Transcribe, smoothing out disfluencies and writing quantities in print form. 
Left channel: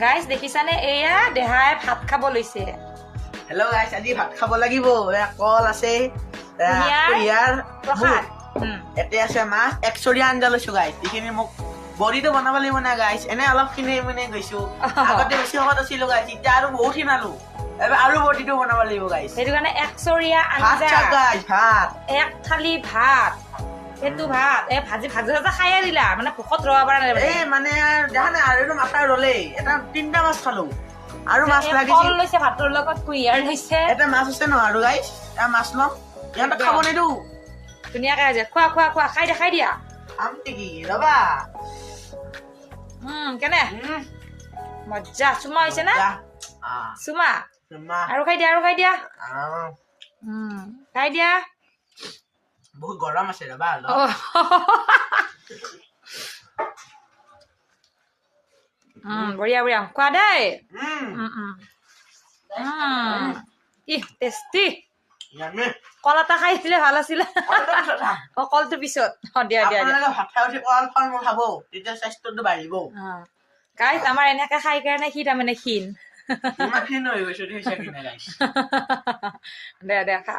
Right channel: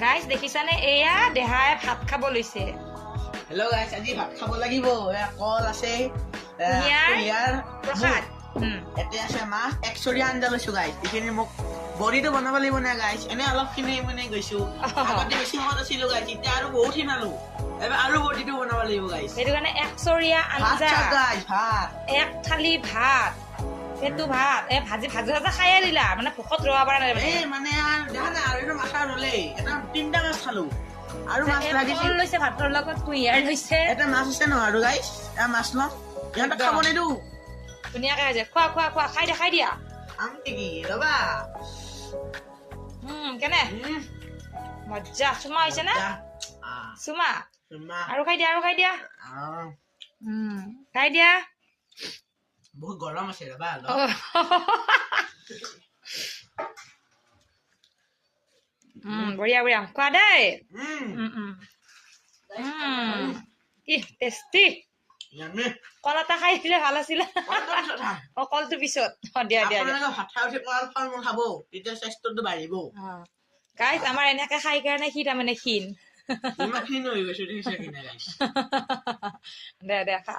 guys দেখিছানে এয়া দেহাই ভাত খাব লৈছে হেল্ল' গাইছ আজি ভাত খাব লাগিব কল আছে প্ৰসাদ এতে আছে মাছ একচৰীয়া আঞ্জা লৈছো গাইছ এইখিনি মোক বডিটো বনাব লাগিব না গাইছ এনে অলপ খিনি মানে গৈছো আগতে বেছি শকত আছিলো গাইছ এতিয়া আৰু বহুত খিনালো এবাৰ আৰু বডিটো বনাব লাগিব গাইছ সেইটো কাৰণে একচৰীয়া ভাত আঞ্জা গাইছ ভাত এক থালি ভাত সেইটো ভাত ভাজি খাই দিলা মানে ভোকত ৰব পৰা নাই এই মানে দেখা নাই আৰু এইটো মাথা ৰলেই এটা 3টা মাছ খালো আৰু মাছ লাগিছিল কল লৈছে ভাতৰ লগত কুঁহিয়াৰ লৈছে এটা মাছ আছে নহয় আৰু গাইছ এটা মাছ ন ইহঁতক খাব নিদো ধুনীয়াকে আছে খোৱা খোৱা খোৱা খাই দিয়া খাম নেকি ৰবা কেনে মজ্জা চুমা হৈছে না চুমা আৰু খাই দিয়া খাই দিয়া বহুত গৰম আছে ৰবা বঢ়িয়া বঢ়িয়া খোৱা দেই কি টেষ্টি কল এটা খাই দিলে ভাল আছিলে কলটো পিছত দিয়া গাইজ আমাৰ এনেকে খাই কাৰণে সি তাৰমানে ক্ষীণ দে খা